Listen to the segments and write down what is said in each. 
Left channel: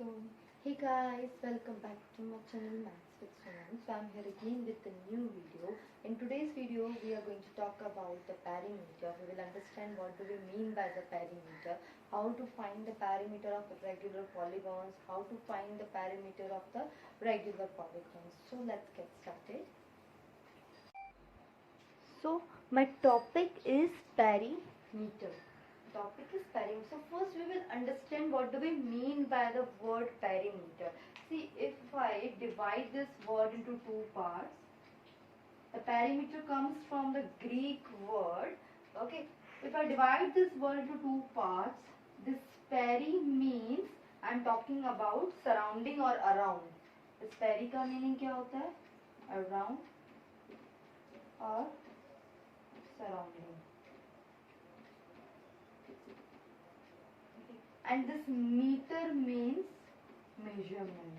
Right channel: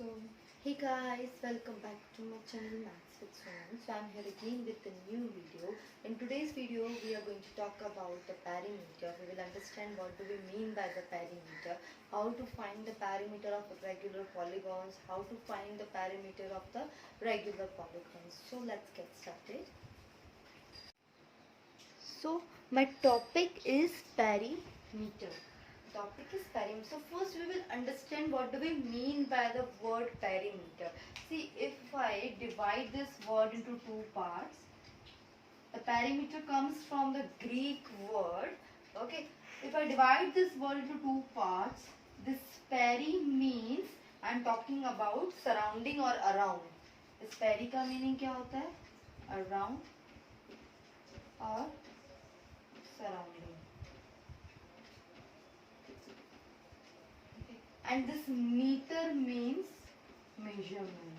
So, hey guys, welcome back to my channel Maths with Sohan. So, I'm here again with a new video. In today's video, we are going to talk about the perimeter. We will understand what do we mean by the perimeter, how to find the perimeter of regular polygons, how to find the perimeter of the regular polygons. So, let's get started. So, my topic is perimeter. Topic is perimeter. So first we will understand what do we mean by the word perimeter. See, if I divide this word into two parts, the perimeter comes from the Greek word. Okay, if I divide this word into two parts, this peri means I am talking about surrounding or around. इस peri का meaning क्या होता है? Around or surrounding. And this meter means measurement.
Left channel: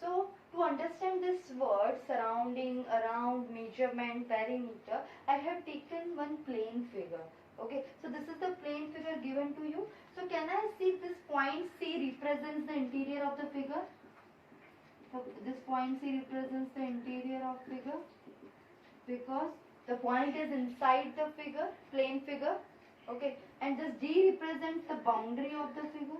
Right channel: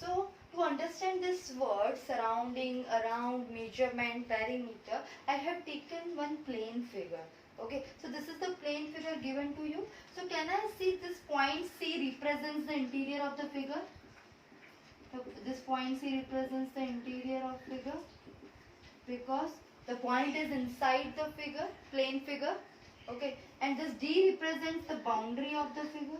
So to understand this word surrounding, around, measurement, perimeter, I have taken one plane figure. Okay, so this is the plane figure given to you. So can I see this point C represents the interior of the figure? So this point C represents the interior of figure because the point is inside the figure, plane figure. Okay, and this D represents the boundary of the figure.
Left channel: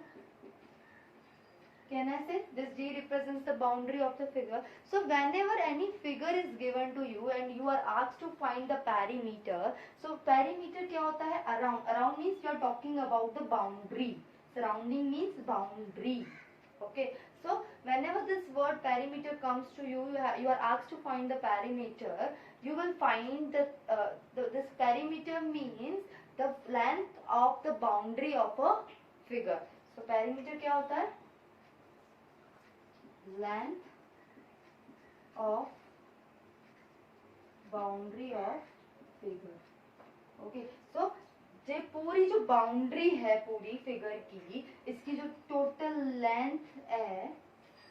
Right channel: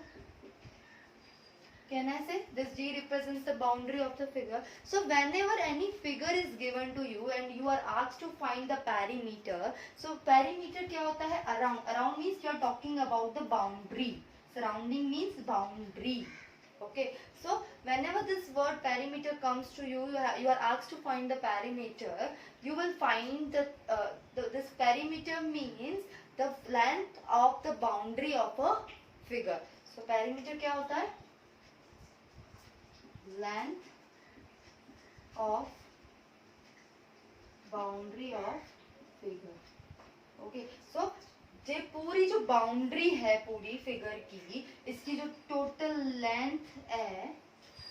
Can I say this D represents the boundary of the figure? So whenever any figure is given to you and you are asked to find the perimeter, so perimeter क्या होता है? Around. Around means you are talking about the boundary. Surrounding means boundary. Okay. So whenever this word perimeter comes to you, you are asked to find the perimeter. You will find this perimeter means the length of the boundary of a figure. So perimeter क्या होता है? Length of boundary of figure. Okay. So ये पूरी जो boundary है पूरी figure की, इसकी जो टोटल लेंथ है,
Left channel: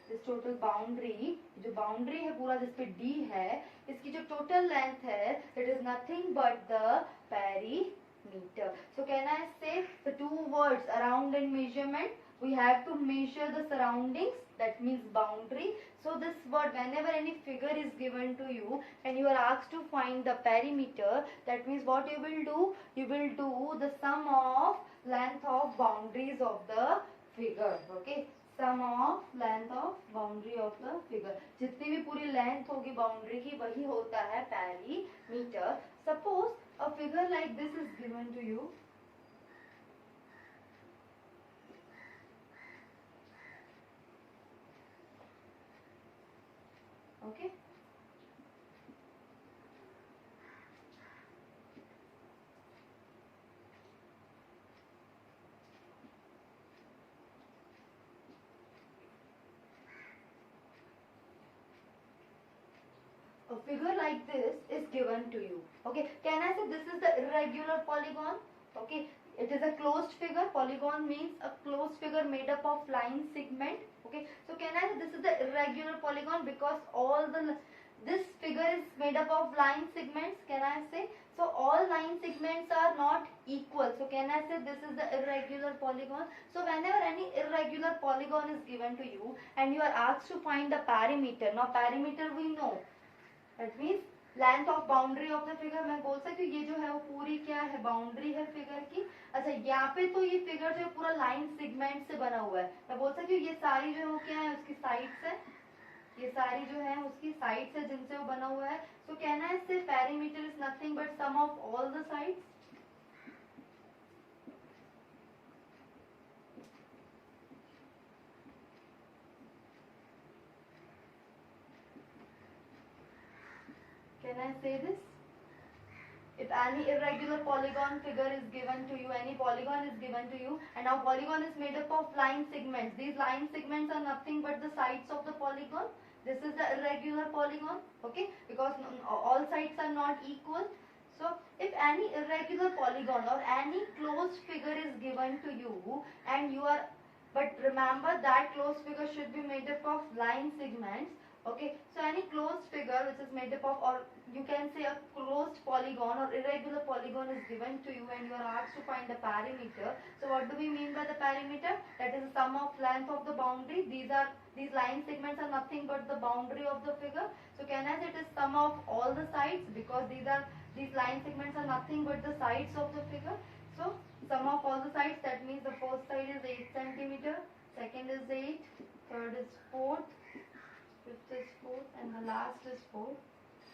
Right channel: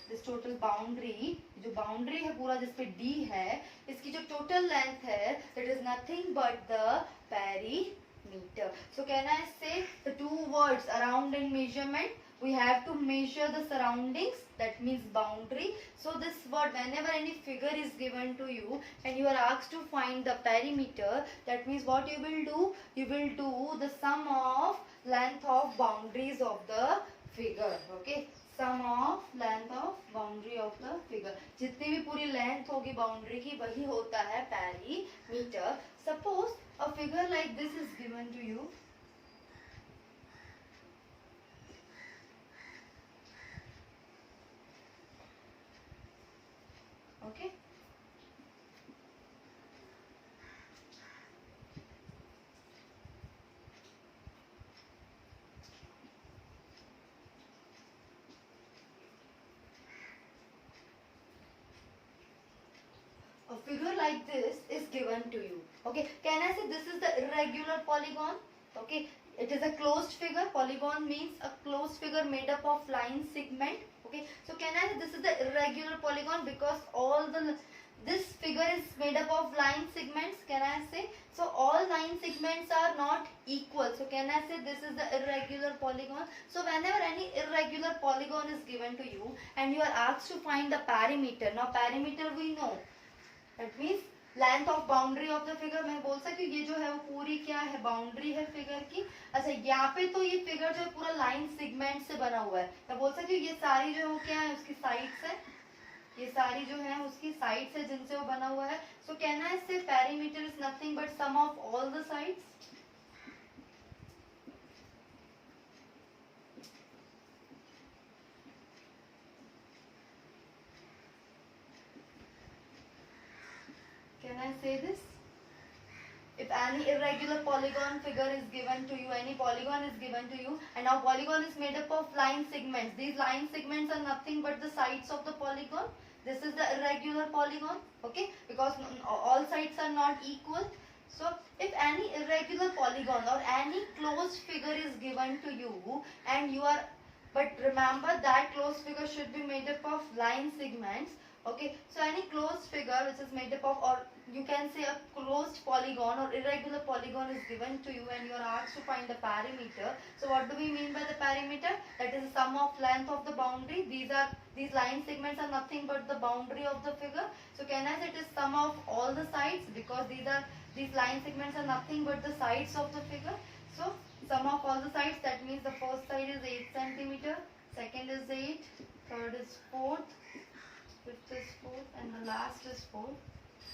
दिस टोटल बाउंड्री, जो बाउंड्री है पूरा जिसपे डी है, इसकी जो टोटल लेंथ है, that is nothing but the perimeter. So can I say the two words around and measurement? We have to measure the surroundings, that means boundary. So this word, whenever any figure is given to you and you are asked to find the perimeter, that means what you will do? You will do the sum of length of boundaries of the figure. Okay, sum of length of boundary of the figure. जितनी भी पूरी length होगी boundary की वही होता है perimeter. Suppose a figure like this is given to you. Okay. A figure like this is given to you. Okay. Can I say this is the irregular polygon? Okay. It is a closed figure. Polygon means a closed figure made up of line segment. Okay. So can I say this is the irregular polygon because this figure is made up of line segments? Can I say? So all line segments are not equal. So can I say this is the irregular polygon? So whenever any irregular polygon is given to you and you are asked to find the perimeter. Now perimeter we know. That means length of boundary of the figure. मैं बोल सकती हूँ ये जो है वो पूरी क्या है? बाउंड्री है फिगर की. अच्छा, यहाँ पे तो ये फिगर जो है पूरा लाइन सेगमेंट से बना हुआ है. मैं बोल सकती हूँ ये सारी जो है वो क्या है? उसकी साइड्स है. ये सारी जो है उसकी साइड्स है जिनसे वो बना हुआ है. सो can I say perimeter is nothing but sum of all the sides. Can I say this? If any irregular polygon figure is given to you, any polygon is given to you, and now polygon is made up of line segments. These line segments are nothing but the sides of the polygon. This is the irregular polygon, okay? Because all sides are not equal. So if any irregular polygon or any closed figure is given to you and you are, but remember that closed figure should be made up of line segments. Okay, so any closed figure which is made up of, or you can say a closed polygon or irregular polygon is given to you and you are asked to find the perimeter. So what do we mean by the perimeter? That is the sum of length of the boundary. These line segments are nothing but the boundary of the figure. So can I say it is sum of all the sides, because these line segments are nothing but the sides of the figure. So sum of all the sides, that means the first side is 8 centimeter, second is 8, third is 4th, fifth is 4th, and the last is 4.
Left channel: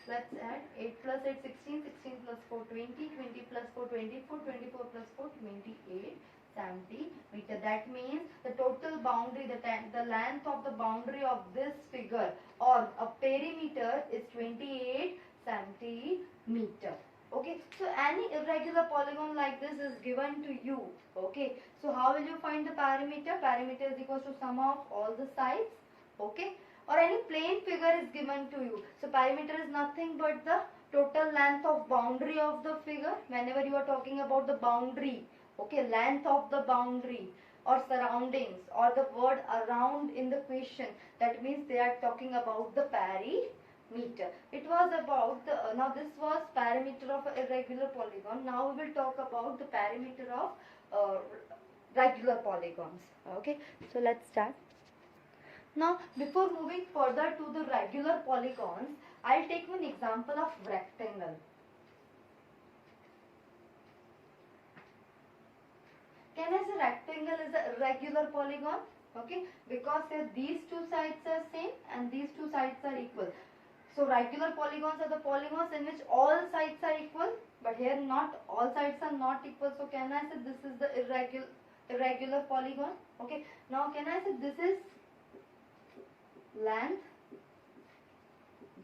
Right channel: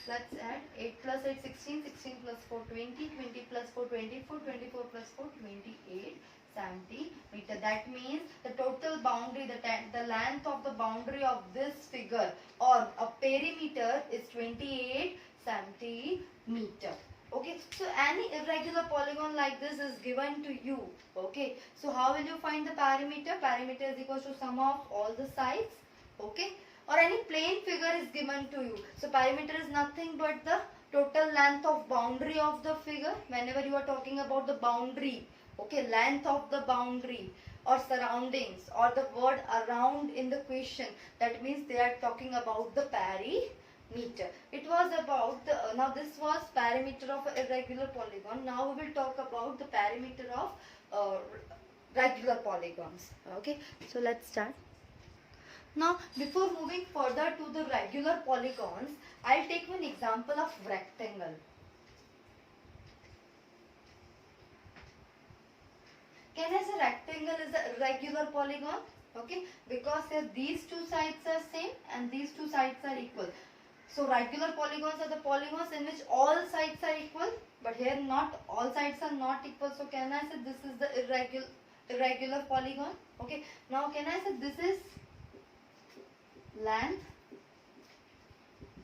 Let's add 8 plus 8 16, 16 plus 4 20, 20 plus 4 24, 24 plus 4 28 centimeter. That means the total boundary, the length of the boundary of this figure or a perimeter is 28 centimeter. Okay, so any irregular polygon like this is given to you. Okay, so how will you find the perimeter? Perimeter is equal to sum of all the sides. Okay, or any plane figure is given to you. So perimeter is nothing but the total length of boundary of the figure. Whenever you are talking about the boundary, okay, length of the boundary or surroundings or the word around in the question, that means they are talking about the perimeter. It was about the, now this was perimeter of a irregular polygon. Now we will talk about the perimeter of regular polygons. Okay, so let's start. Now, before moving further to the regular polygons, I'll take one example of rectangle. Can I say rectangle is a regular polygon? Okay, because these two sides are same and these two sides are equal. So regular polygons are the polygons in which all sides are equal, but here not all sides are not equal. So can I say this is the irregular polygon? Okay, now can I say this is length,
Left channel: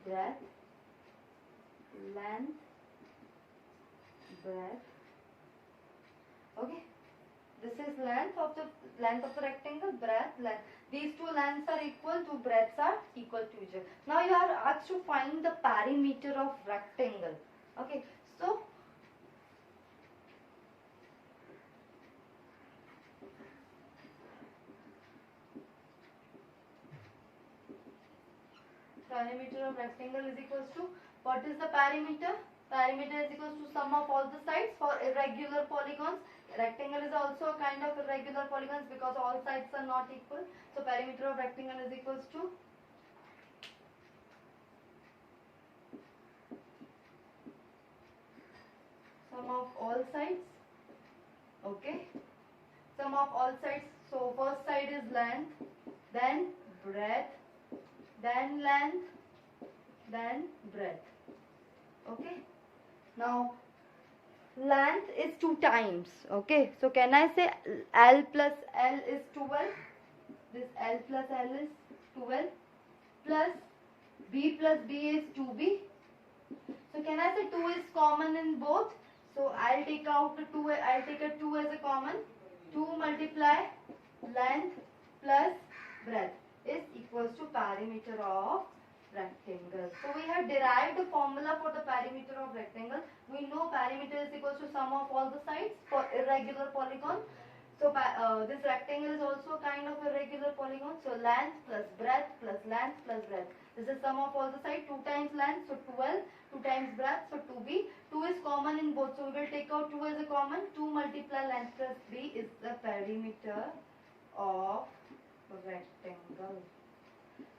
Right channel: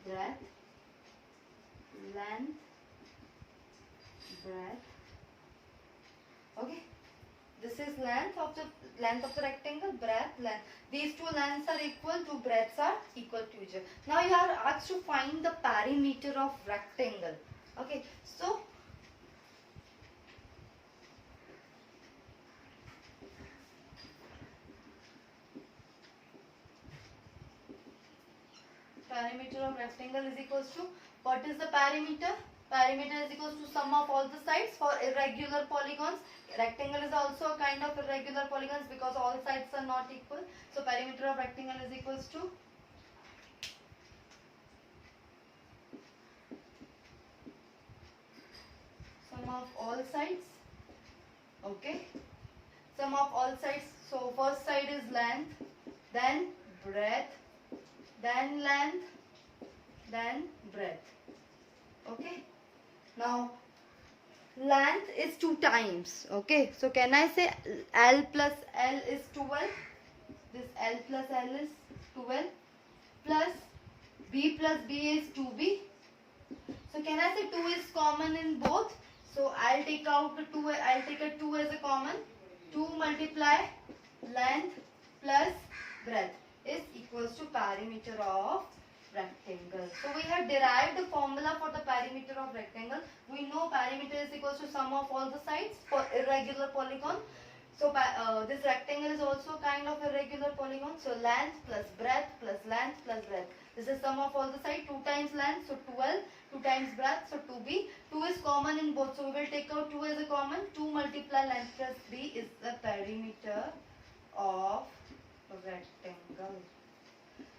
breadth, length, breadth. Okay, this is length of the rectangle, breadth, length. These two lengths are equal, two breadths are equal to each other. Now you are asked to find the perimeter of rectangle. Okay, so perimeter of rectangle is equals to, what is the perimeter? Perimeter is equals to sum of all the sides for irregular polygons. Rectangle is also a kind of irregular polygons because all sides are not equal. So perimeter of rectangle is equals to sum of all sides. Okay, sum of all sides. So first side is length, then breadth, then length, then breadth. Okay, now length is 2 times. Okay, so can I say L plus L is 12? This L plus L is 12 plus B plus B is 2B. So can I say 2 is common in both? So I'll take out the 2, I'll take a 2 as a common. 2 multiply length plus breadth is equals to perimeter of rectangle. So we have derived the formula for the perimeter of rectangle. We know perimeter is equals to sum of all the sides for irregular polygon. So this rectangle is also kind of irregular polygon. So length plus breadth plus length plus breadth. This is sum of all the sides. 2 times length, so 12. 2 times breadth, so 2b. 2 is common in both, so we will take out 2 as a common. 2 multiply length plus b is the perimeter of rectangle.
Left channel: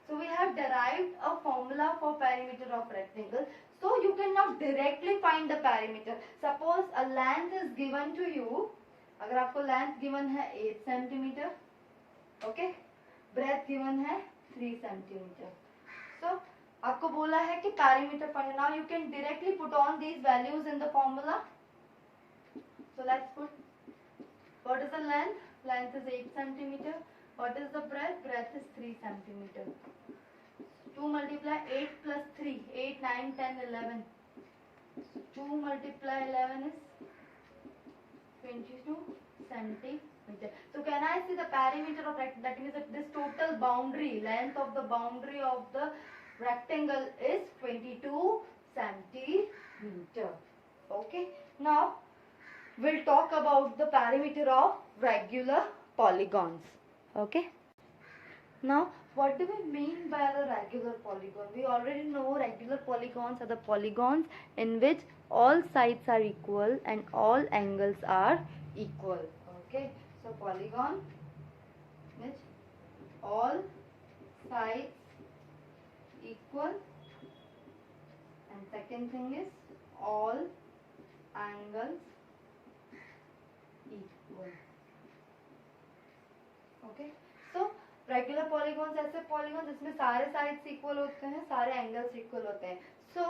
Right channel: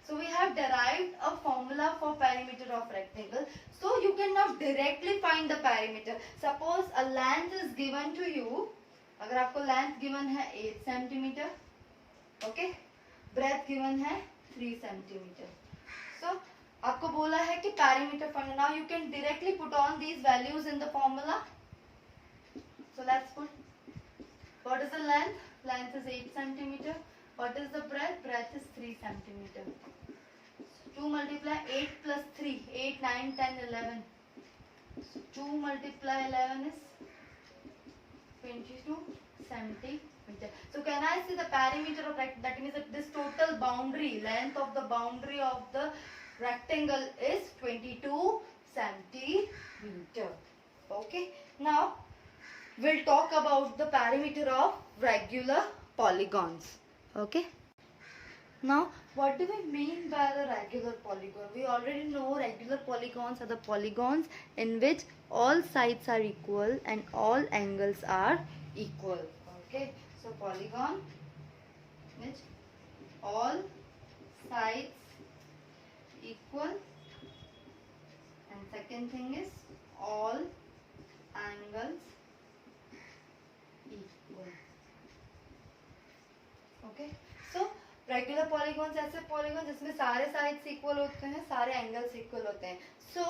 So we have derived a formula for perimeter of rectangle. So you can now directly find the perimeter. Suppose a length is given to you. अगर आपको length given है 8 centimeter, okay, breadth given है 3 centimeter. So आपको बोला है कि perimeter find. Now you can directly put on these values in the formula. So let's put. What is the length? Length is 8 centimeter. What is the breadth? Breadth is 3 centimeter. 2 multiply 8 plus 3. 8, 9, 10, 11. So 2 multiply 11 is 22 centimeter. So can I see the perimeter of rectangle? That means that this total boundary, length of the boundary of the rectangle is 22 centimeter. Okay. Now we'll talk about the perimeter of regular polygons. Okay. Now What do we mean by the regular polygon? We already know regular polygons are the polygons in which all sides are equal and all angles are equal. Okay, so polygon which all sides equal, and second thing is all angles equal. Okay, so regular polygons ऐसे polygon जिसमें सारे sides equal होते हैं, सारे angles equal होते हैं. So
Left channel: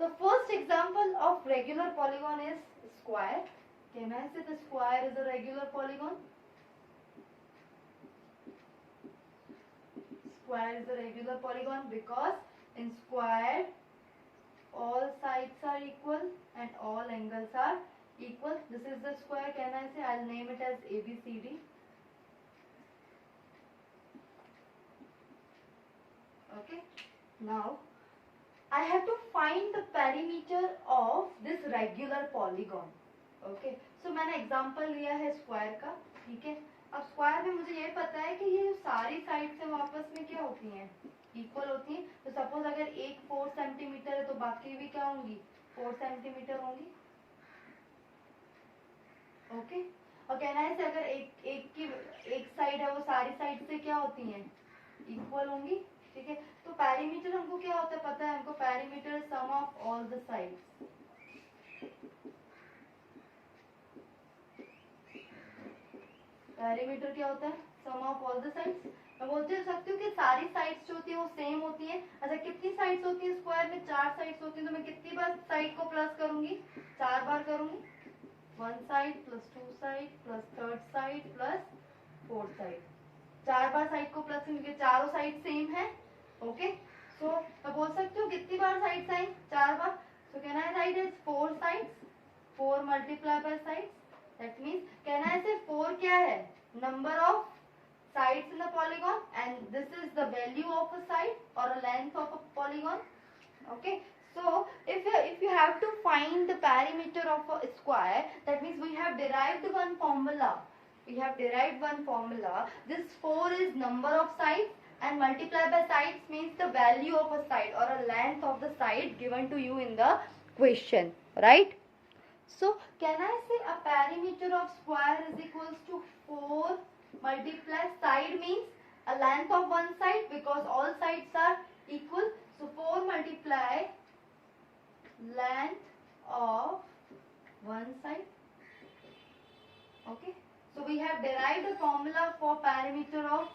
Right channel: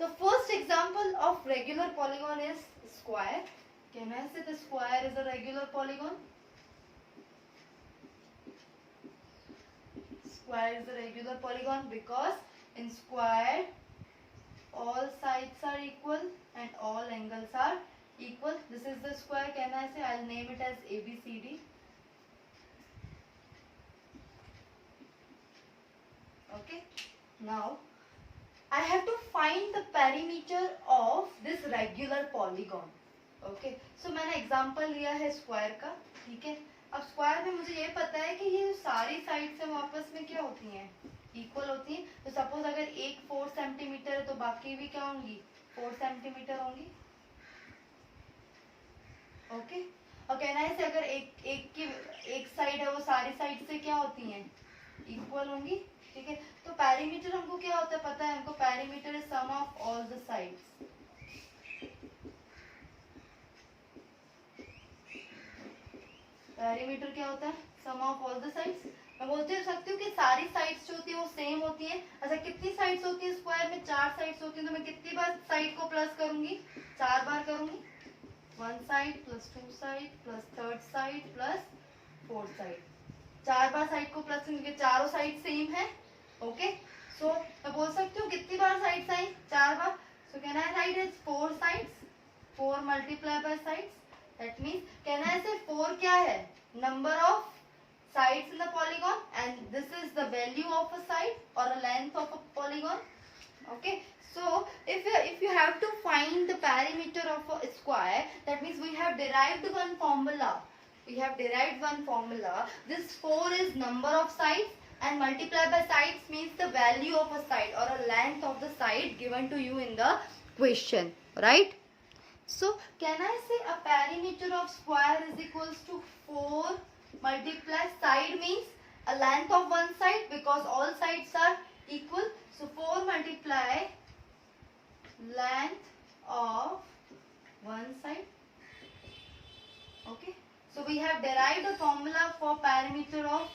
the first example of regular polygon is square. Can I say the square is a regular polygon? Square is a regular polygon because in square all sides are equal and all angles are equal. This is the square. Can I say? I'll name it as ABCD. Okay. Now I have to find the perimeter of this regular polygon. Okay. So मैंने example लिया है square का. ठीक है. अब square में मुझे ये पता है कि ये जो सारी साइड्स है वो आपस में क्या होती हैं, इक्वल होती हैं. तो सपोज अगर एक 4 सेंटीमीटर है तो बाकी भी क्या होंगी, 4 सेंटीमीटर होंगी. ओके. और कहना है से अगर एक साइड है वो सारी साइड से क्या होती हैं, इक्वल होंगी. ठीक है. तो पेरीमीटर हमको क्या होता है पता है हमको. Perimeter is sum of all the sides. Perimeter क्या होता है, sum of all the sides. मैं बोलते सकती हूँ कि सारी साइड्स जो होती है वो सेम होती है. अच्छा कितनी साइड्स होती है स्क्वायर में, 4 साइड्स होती हैं. तो मैं कितनी बार साइड को प्लस करूंगी, 4 बार करूंगी. 1 side plus 2 side plus 3rd side plus 4th side. 4 बार साइड को प्लस करूंगी, चारों साइड सेम है. ओके. सो मैं बोल सकती हूँ कितनी बार साइड्स आई, 4 बार. So can I write is 4 sides, 4 multiply by sides. That means can I say 4 क्या है, number of sides in the polygon, and this is the value of a side or a length of a polygon. Okay. So if you have to find the perimeter of a square, that means we have derived one formula. This 4 is number of sides and multiplied by sides means the value of a side or a length of the side given to you in the question, right? So can I say a perimeter of square is equals to 4 multiply side means a length of one side because all sides are equal. So 4 multiply length of one side. Okay. So we have derived the formula for perimeter of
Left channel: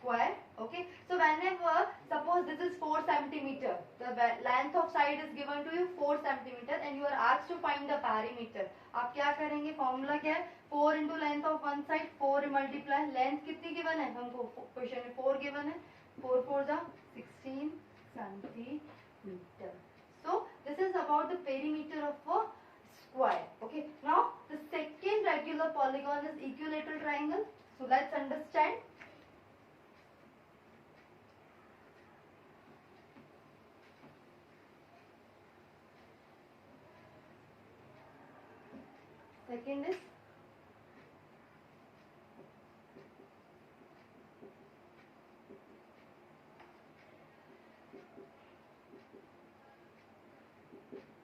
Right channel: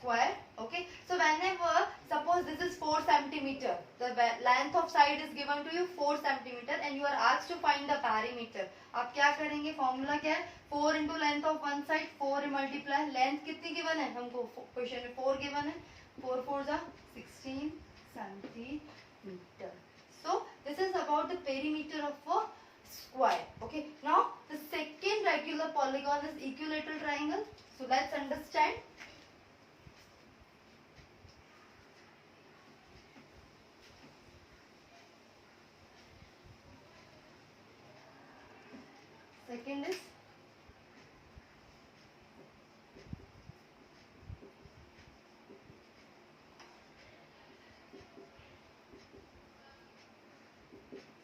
square. Okay. So whenever suppose this is 4 centimeter, the length of side is given to you 4 centimeter and you are asked to find the perimeter. आप क्या करेंगे, formula क्या है, 4 into length of one side, 4 multiply length कितनी given है हमको, question में 4 given है. 4 4 16 centimeter. So this is about the perimeter of a square. Okay. Now the second regular polygon is equilateral triangle. So let's understand. Second is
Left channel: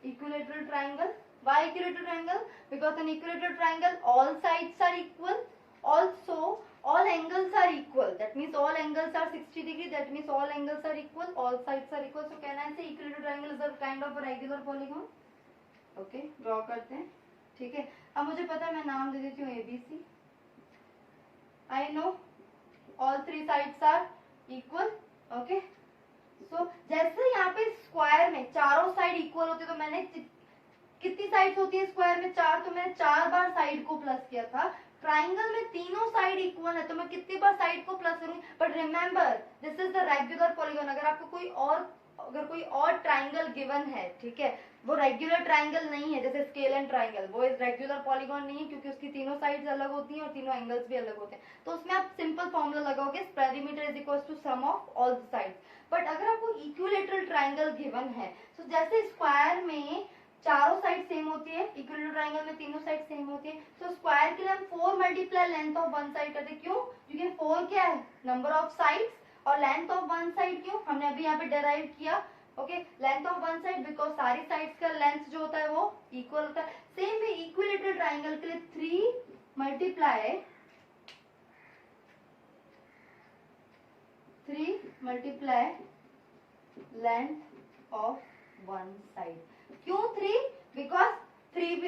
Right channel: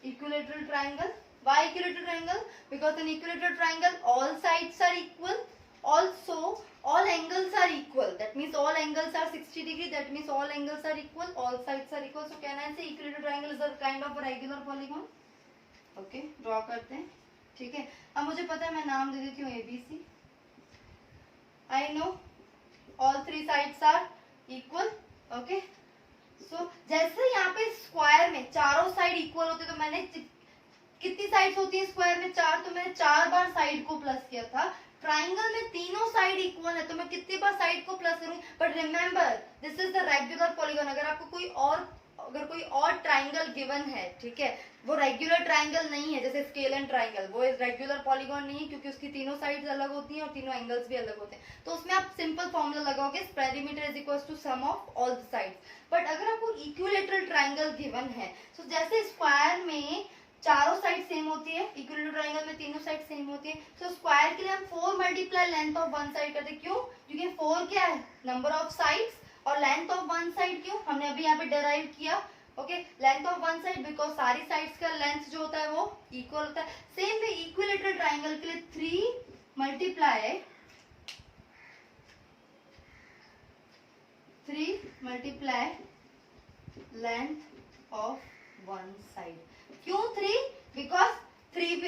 equilateral triangle. Why equilateral triangle? Because in equilateral triangle all sides are equal, also all angles are equal. That means all angles are 60 degree. That means all angles are equal, all sides are equal. So can I say equilateral triangle is a kind of a regular polygon? Okay, draw करते हैं. ठीक है. अब मुझे पता है मैं नाम दे देती हूँ ABC. I know all 3 sides are equal. Okay. So जैसे यहाँ पे स्क्वायर में चारों साइड इक्वल होती है तो मैंने कितनी साइड्स होती है स्क्वायर में, 4. तो मैंने 4 बार साइड को प्लस किया था. ट्राइंगल में तीनों साइड इक्वल है तो मैं कितनी बार साइड को प्लस करूंगी. But remember this is the regular polygon. अगर आपको कोई और ट्राइंगल गिवन है, ठीक है, वो रेगुलर ट्राइंगल नहीं है. जैसे स्केलन ट्राइंगल वो एक रेगुलर पॉलीगॉन नहीं है क्योंकि उसकी तीनों साइड्स अलग होती हैं और तीनों एंगल्स भी अलग होते हैं. तो उसमें आप सिंपल फॉर्मूला लगाओगे, perimeter is equal to sum of all the sides. But अगर आपको इक्विलेटरल ट्राइंगल गिवन है, तो जैसे स्क्वायर में चारों साइड सेम होती है, इक्विलेटरल ट्रायंगल में तीनों साइड सेम होती है। तो स्क्वायर के लिए हम 4 multiply length of one side करते हैं, क्यों? क्योंकि 4 क्या है, नंबर ऑफ साइड्स, और लेंथ ऑफ वन साइड क्यों, हमने अभी यहाँ पे डेराइव किया। Okay, length of one side because सारी साइड्स का लेंथ जो होता है वो इक्वल होता है। सेम वे इक्विलेटरल ट्रायंगल के लिए 3 multiply length of one side. क्यों 3? बिकॉज 3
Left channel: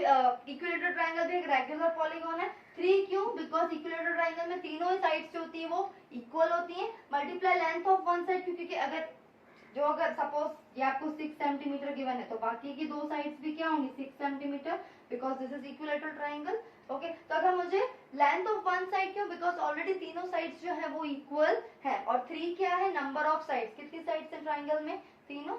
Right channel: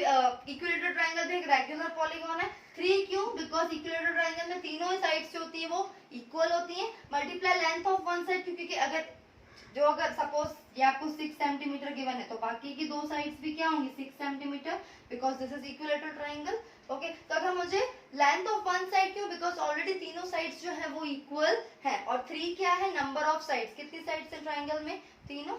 इक्विलेटरल ट्रायंगल भी एक रेगुलर पॉलीगॉन है। 3 क्यों? बिकॉज इक्विलेटरल ट्रायंगल में तीनों ही साइड्स जो होती है वो इक्वल होती है। Multiply length of one side, क्योंकि अगर सपोज ये आपको 6 सेंटीमीटर गिवन है तो बाकी की दो साइड्स भी क्या होंगी, 6 centimetre, because this is equilateral triangle. Okay, तो अगर मुझे लेंथ ऑफ वन साइड क्यों, बिकॉज ऑलरेडी तीनों साइड्स जो है वो इक्वल है, और 3 क्या है, नंबर ऑफ साइड्स, कितनी साइड्स है ट्रायंगल में, तीनों।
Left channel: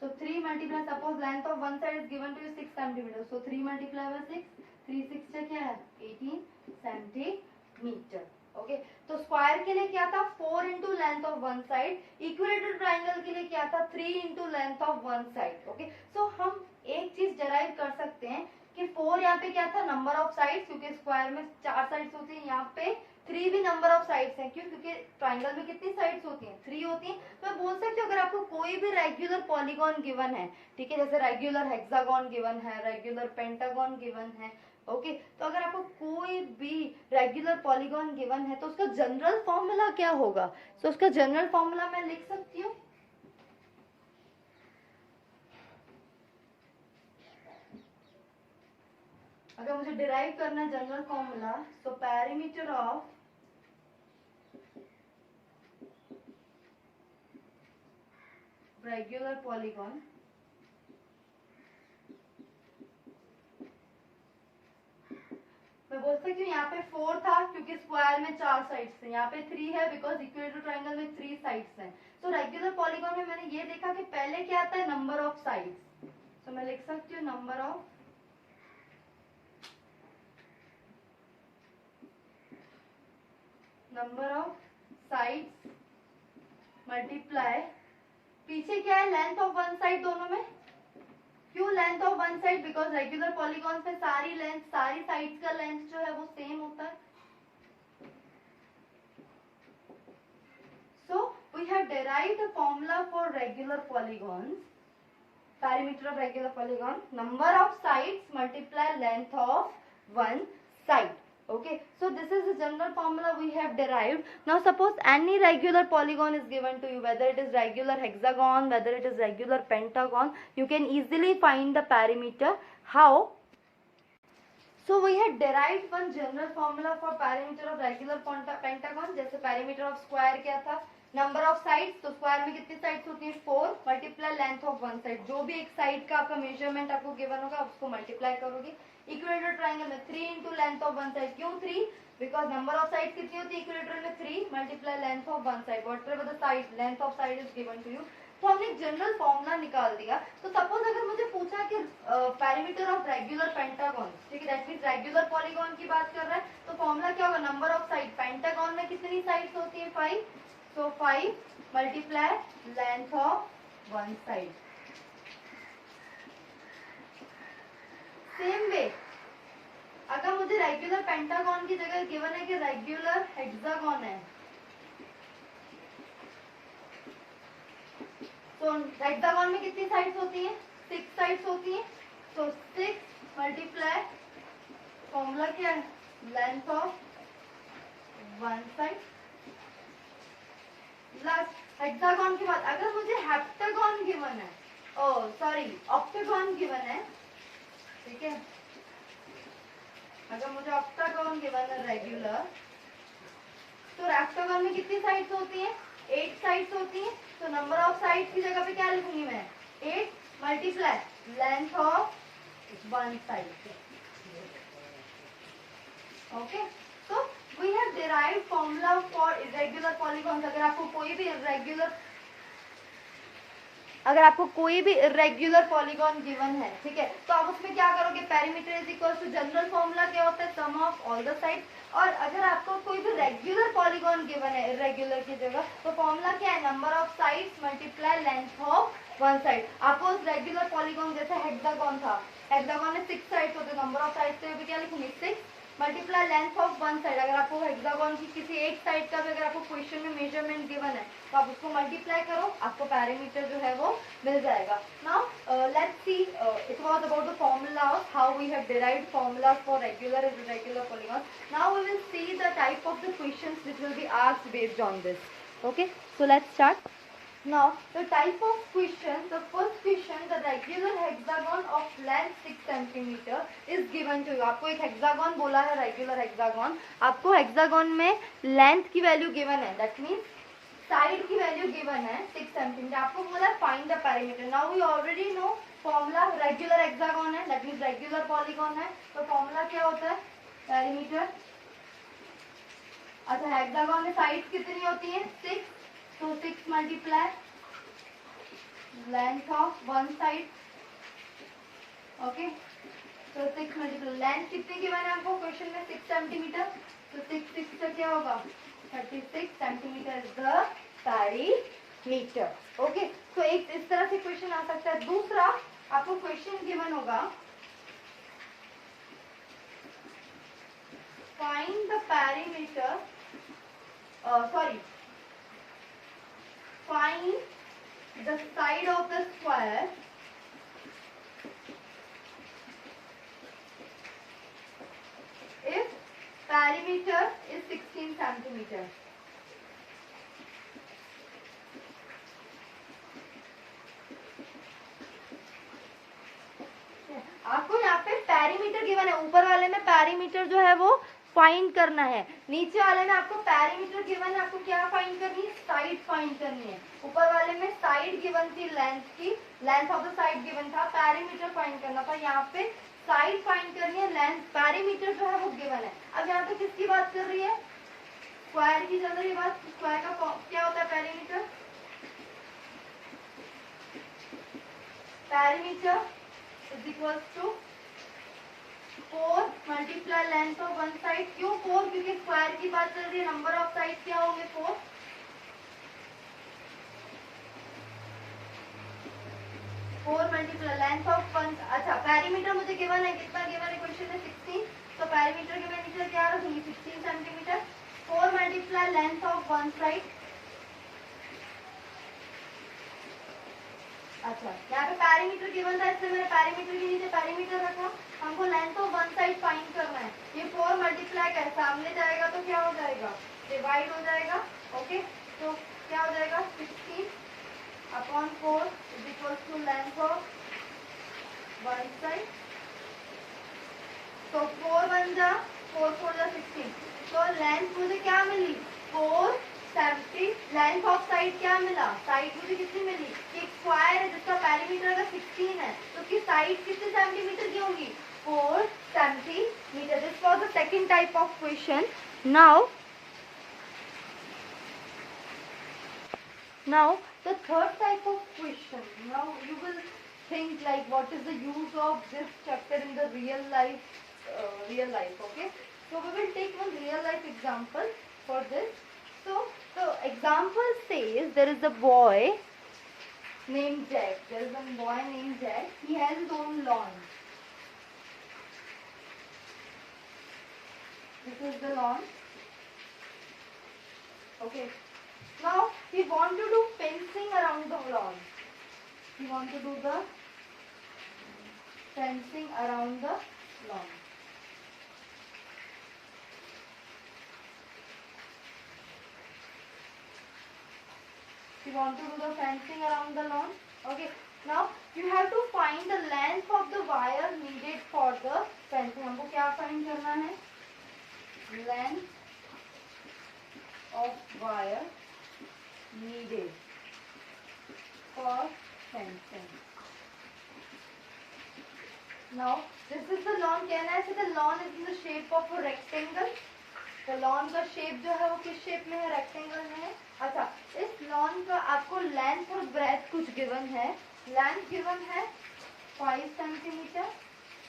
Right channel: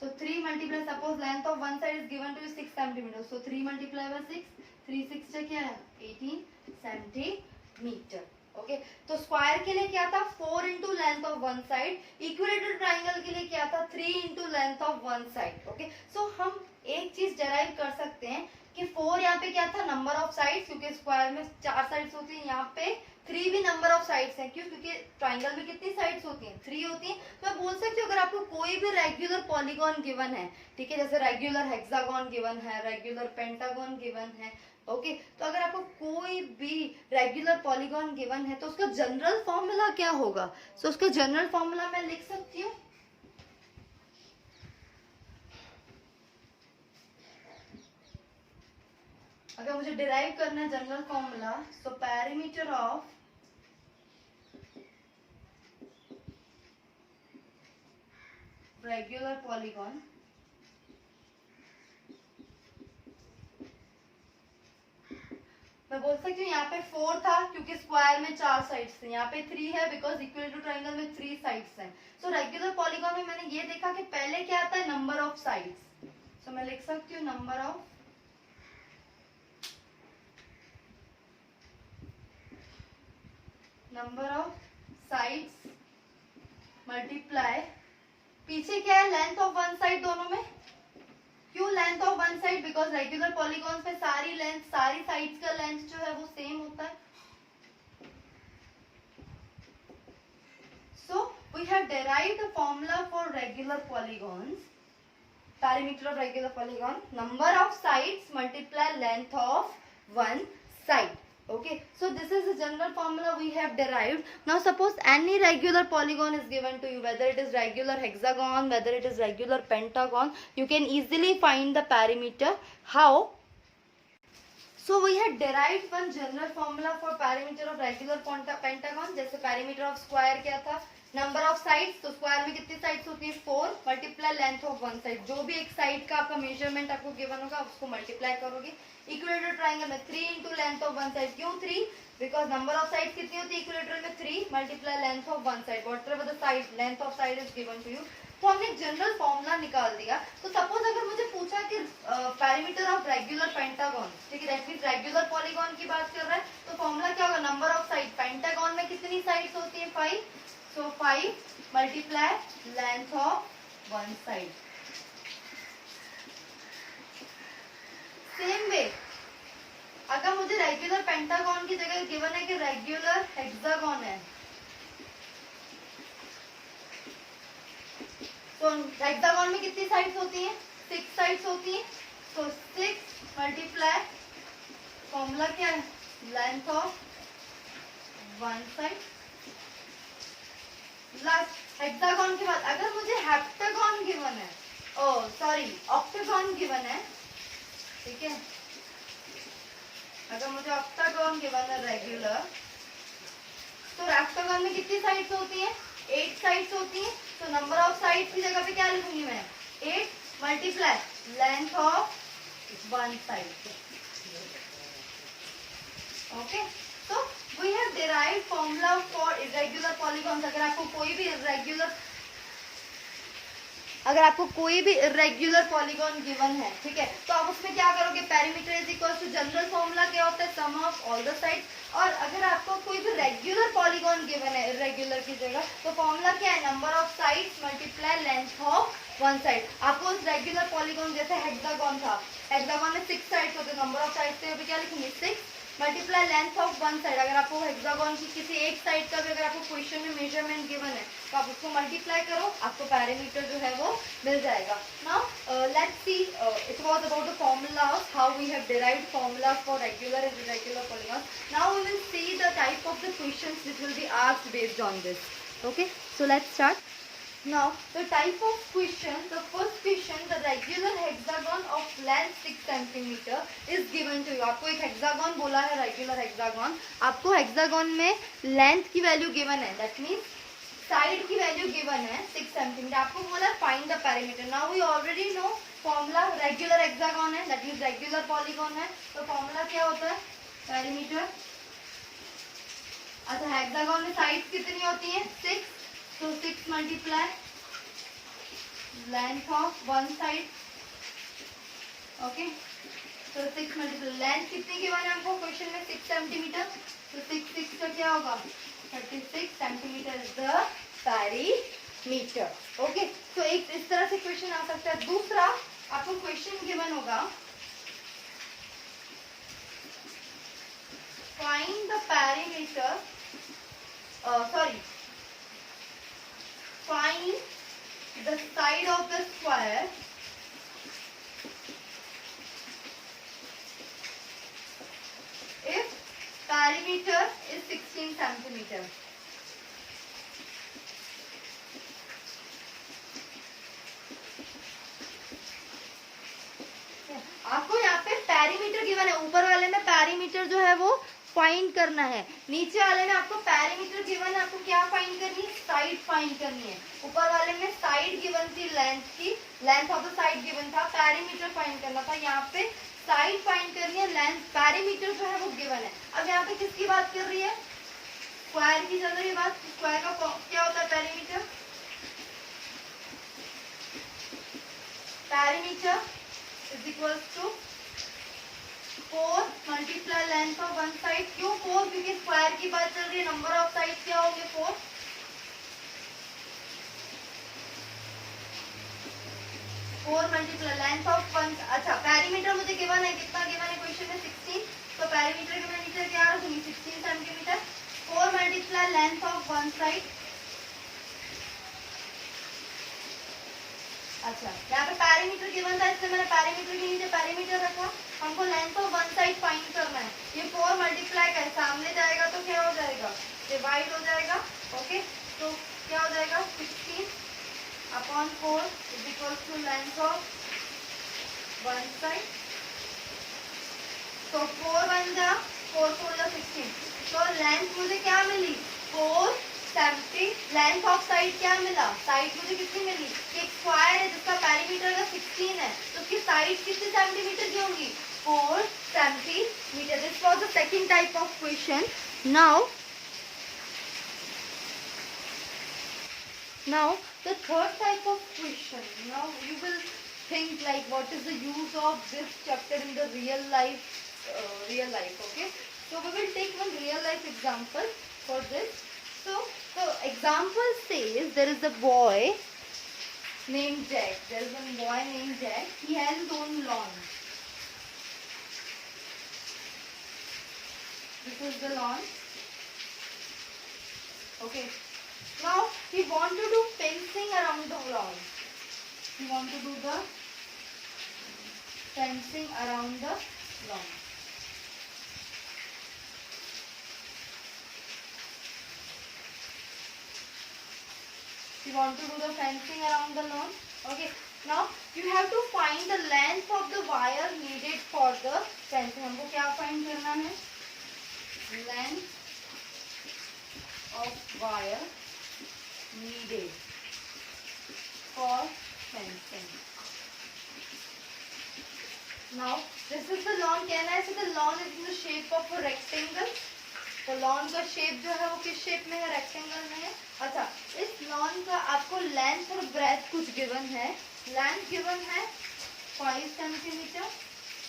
So 3 multiply, suppose length of one side is given to you 6 centimeter. So 3 multiply by 6, 3 6 से क्या है, 18 सेंटीमीटर। ओके, तो स्क्वायर के लिए क्या था, 4 into length of one side. Equilateral triangle के लिए क्या था, 3 into length of one side. Okay, so हम एक चीज डेराइव कर सकते हैं कि 4 यहाँ पे क्या था, नंबर ऑफ साइड्स, क्योंकि स्क्वायर में 4 साइड्स होती है, यहाँ पे 3 भी नंबर ऑफ साइड्स हैं, क्यों? क्योंकि ट्रायंगल में कितनी साइड्स होती हैं, 3 होती हैं। तो मैं बोल सकती हूँ अगर आपको कोई भी रेगुलर पॉलीगॉन गिवन है, ठीक है, जैसे रेगुलर हेक्सागॉन गिवन है, रेगुलर पेंटागॉन गिवन है, ओके, तो अगर आपको कोई भी रेगुलर पॉलीगॉन गिवन है तो उसका जनरल फॉर्मूला क्या होगा? सो उसका जनरल फॉर्मूला मैं लिख सकती हूँ, अगर मुझे डिराइव करना है general formula, so perimeter of regular polygon मैं बोल सकती हूँ यहाँ पे 4 था क्योंकि स्क्वायर में 4 साइड्स थे, यहाँ पे 3 है बिकॉज इक्विलेटरल ट्रायंगल में 3 साइड्स हैं। सो रेगुलर पॉलीगॉन में मैंने ये देखा कि पहले क्या आता है, नंबर ऑफ साइड्स। सो मैं लिख सकती हूँ नंबर ऑफ साइड्स मल्टीप्लाई, पीछे क्या है, लेंथ ऑफ वन साइड दोनों में। क्यों length of one side? Because regular polygons में सारी साइड्स का लेंथ जो है वो सेम होता है। So we have derived the formula for regular polygons, perimeter of regular polygon, number of sides multiply length of one side. Okay, so this is the general formula we have derived. Now suppose any regular polygon is given to you, whether it is regular hexagon, whether it is regular pentagon, you can easily find the perimeter. How? So we had derived one general formula for perimeter of regular pentagon. जैसे perimeter of square क्या था, number of sides, तो square में कितनी sides होती है, 4 multiply length of one side, जो भी एक साइड का आपका मेजरमेंट आपको गिवन होगा उसको मल्टीप्लाई करोगे। इक्विलेटरल ट्रायंगल में 3 into length of one side, क्यों 3? बिकॉज नंबर ऑफ साइड कितनी होती है इक्विलेटरल में, 3 multiply length of one side, whatever the side length of side is given to you. तो हमने जनरल फॉर्मूला निकाल दिया। तो सपोज अगर मुझे पूछा कि पैरीमीटर ऑफ रेगुलर पेंटागन, ठीक है, दैट मींस रेगुलर पॉलीगॉन की बात कर रहा है, तो फॉर्मूला क्या होगा, नंबर ऑफ साइड, पेंटागन में कितनी साइड्स होती है, 5, so 5 multiply length of one side. Same way, अगर मुझे रेगुलर पेंटागन की जगह गिवन है कि रेगुलर हेक्सागन है, तो हेक्सागन में कितनी साइड्स होती हैं, 6 साइड्स होती हैं। तो 6 मल्टीप्लाई, फॉर्मूला क्या है, length of one side. Last hexagon के बाद अगर मुझे हेप्टागन गिवन है, ऑक्टागन गिवन है, ठीक है, अगर मुझे ऑक्टागन गिवन है रेगुलर, तो ऑक्टागन में कितनी साइड्स होती हैं, 8 साइड्स होती हैं। तो नंबर ऑफ साइड्स की जगह पे क्या लिखूंगी मैं, 8 multiply length of one side. Okay, तो we have derived formula for irregular polygons। अगर आपको कोई भी irregular polygon गिवन है, ठीक है, तो आप उसमें क्या करोगे, perimeter is equal to general formula क्या होता है, sum of all the sides. और अगर आपको कोई भी रेगुलर पॉलीगॉन गिवन है इरेगुलर की जगह, तो फॉर्मूला क्या है, number of sides multiply length of one side. आपको रेगुलर पॉलीगॉन जैसे हेक्सागन था, हेक्सागन में 6 साइड्स होते, नंबर ऑफ साइड्स थे, अभी क्या लिखेंगे 6 multiply length of one side. अगर आपको हेक्सागन की किसी एक साइड का भी अगर आपको क्वेश्चन में मेजरमेंट गिवन है तो आप उसको मल्टीप्लाई करो, आपको पैरामीटर जो है वो मिल जाएगा। Now let's see, it was about the formulas, how we have derived formulas for regular and irregular polygon. Now we will see the type of the questions which will be asked based on this. Okay, so let's start. Now the type of question, the first question, the regular hexagon of length 6 centimeter is given to you। आपको एक hexagon बोला है, regular hexagon, आपको hexagon में length की value given है, that means side की value given है 6 सेंटीमीटर। आपको बोला find the parameter. Now we already know formula, regular hexagon है दैट मीन्स रेगुलर पॉलीगॉन है, तो फॉर्मूला क्या होता है, पैरामीटर। अच्छा, हेक्सागन में साइड कितनी होती है 6, so 6 multiply length of one side, okay, so 6 multiply length कितनी गिवन है आपको क्वेश्चन में 6 सेंटीमीटर, तो 6 का क्या होगा 36 centimetre is the perimeter. Okay, तो एक इस तरह से क्वेश्चन आ सकता है। दूसरा आपको क्वेश्चन गिवन होगा, find the perimeter, sorry, find the side of the square if perimeter is 16 centimeter। आपको यहाँ पे पैरीमीटर गिवन है, ऊपर वाले में पैरीमीटर जो है वो फाइंड करना है, नीचे वाले में आपको पैरीमीटर गिवन है, आपको क्या फाइंड करनी है, साइड फाइंड करनी है। ऊपर वाले में साइड गिवन थी, लेंथ की, length of the side given था, पैरीमीटर फाइंड करना था, यहाँ पे साइड फाइंड करनी है, लेंथ, पैरीमीटर जो है वो गिवन है। अब यहाँ पे किसकी बात कर रही है, स्क्वायर की चल रही है बात। स्क्वायर का क्या होता है, perimeter, perimeter is equal to 4 multiply length of one side. क्यों 4, क्योंकि स्क्वायर की बात चल रही है, नंबर ऑफ साइड क्या होंगे 4, 4 मल्टीप्लाई लेंथ ऑफ वन। अच्छा, पैरीमीटर मुझे गिवन है, कितना गिवन है क्वेश्चन में 16, तो पैरीमीटर के मैं नीचे क्या रखूंगी 16 centimetre, 4 multiply length of one side. अच्छा, यहाँ पे पैरीमीटर गिवन था इसलिए मैंने पैरीमीटर के नीचे पैरीमीटर रखा। हमको length of one side find करना है, ये 4 मल्टीप्लाई कर सामने जाएगा तो क्या हो जाएगा, डिवाइड हो जाएगा। ओके, तो क्या हो जाएगा 16 upon 4 is equal to length of one side. तो 4 बन जा, 4 4 जा 16, तो लेंथ मुझे क्या मिली 4 70, लेंथ ऑफ साइड क्या मिला, साइड मुझे कितनी मिली, एक स्क्वायर है जिसका पैरीमीटर अगर 16 है तो उसकी साइड कितने सेंटीमीटर की होंगी 4 centimetre. This was the second type of question. Now the third type of question, now you will think like what is the use of this chapter in the real life, okay, so we will take one real life example for this. So the example says there is a boy named Jack, there is one boy named Jack, he has his own lawn. This is the lawn, okay. Now we want to do fencing around the lawn. We want to do the fencing around the lawn. We want to do the fencing around the lawn. Okay. Now you have to find the length of the wire needed for the fencing. हमको क्या find करना है? Length of wire needed for fencing. Now this is the lawn. Can I say the lawn is in the shape of a rectangle? तो lawn का shape जो है वो किस शेप में है, रेक्टेंगल में है। अच्छा, इस लॉन का आपको लेंथ और ब्रेथ कुछ गिवन है। लेंथ गिवन है 5 सेंटीमीटर,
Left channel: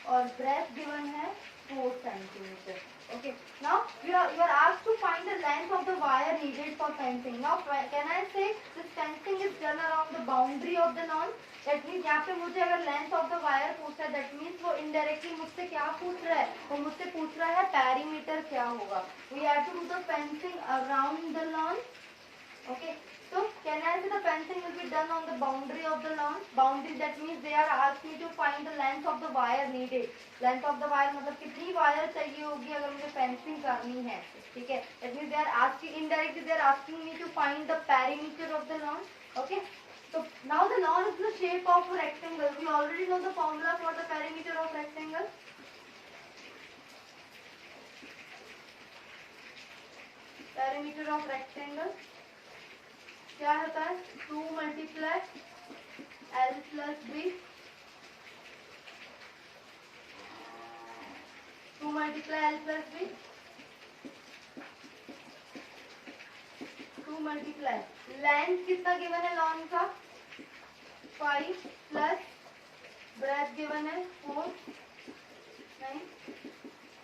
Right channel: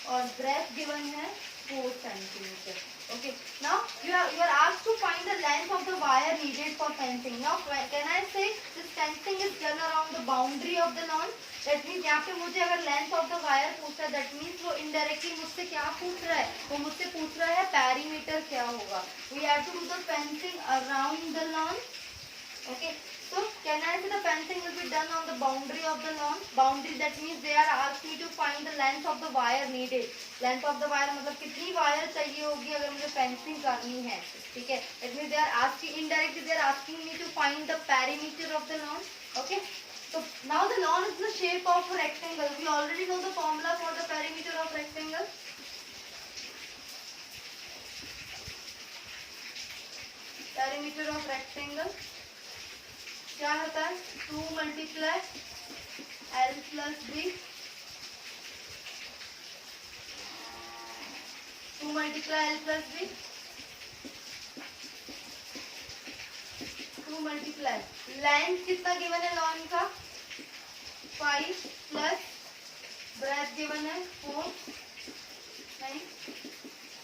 और breadth given है 4 centimeter. Okay. Now you are asked to find the length of the wire needed for fencing. Now can I say this fencing is done around the boundary of the lawn? That means यहाँ पे मुझे अगर length of the wire पूछा है, that means वो indirectly मुझसे क्या पूछ रहा है? वो मुझसे पूछ रहा है perimeter क्या होगा? We have to do the fencing around the lawn. Okay. So can I say the fencing will be done on the boundary of the lawn? Boundary, that means they are asked me to find the length of the wire needed. Length of the wire मतलब कितनी wire चाहिए होगी अगर मुझे fencing करनी है, ठीक है? That means they are asking, indirectly they are asking me to find the perimeter of the lawn. Okay. So now the lawn is the shape of a rectangle. We already know the formula for the perimeter of rectangle. Perimeter of rectangle क्या होता है? 2 multiply L plus B. 2 multiply L plus B. 2 multiply length कितना given है lawn का? 5 plus breadth given है 4 9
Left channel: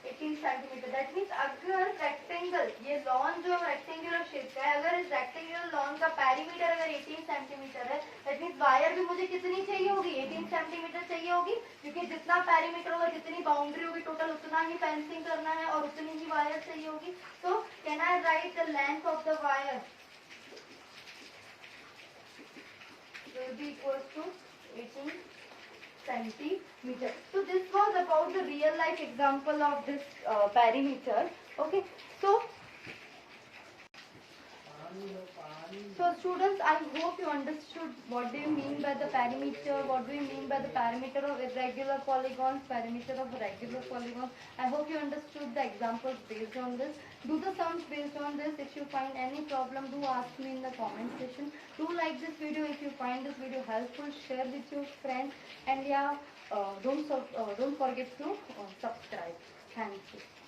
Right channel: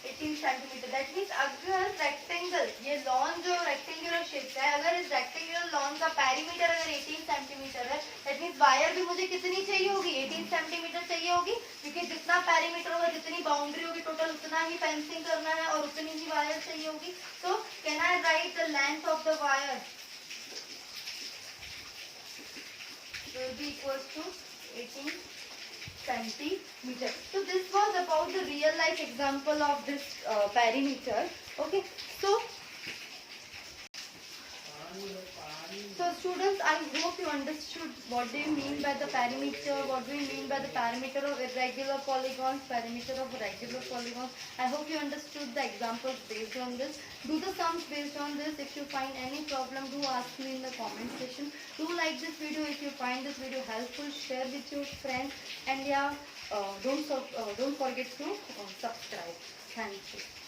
18 centimetre. That means अगर rectangle, ये lawn जो रेक्टेंगुलर शेप का है, अगर इस रेक्टेंगुलर लॉन का पेरीमीटर अगर 18 सेंटीमीटर है, दैट मीन्स वायर भी मुझे कितनी चाहिए होगी? 18 सेंटीमीटर चाहिए होगी, क्योंकि जितना पेरीमीटर होगा, जितनी बाउंड्री होगी, टोटल उतना ही फेंसिंग करना है और उतनी ही वायर चाहिए होगी. सो can I right the length of the wire will be equals to 18 centimeter. So this was about the real life example of this perimeter. Okay. So students, I hope you understood what do you mean by the perimeter, what do you mean by the perimeter of irregular polygons, perimeter of regular polygons. I hope you understood the examples based on this. Do the sums based on this. If you find any problem, do ask me in the comment section. Do like this video if you find this video helpful. Share with your friends, and yeah, don't forget to subscribe. Thank you.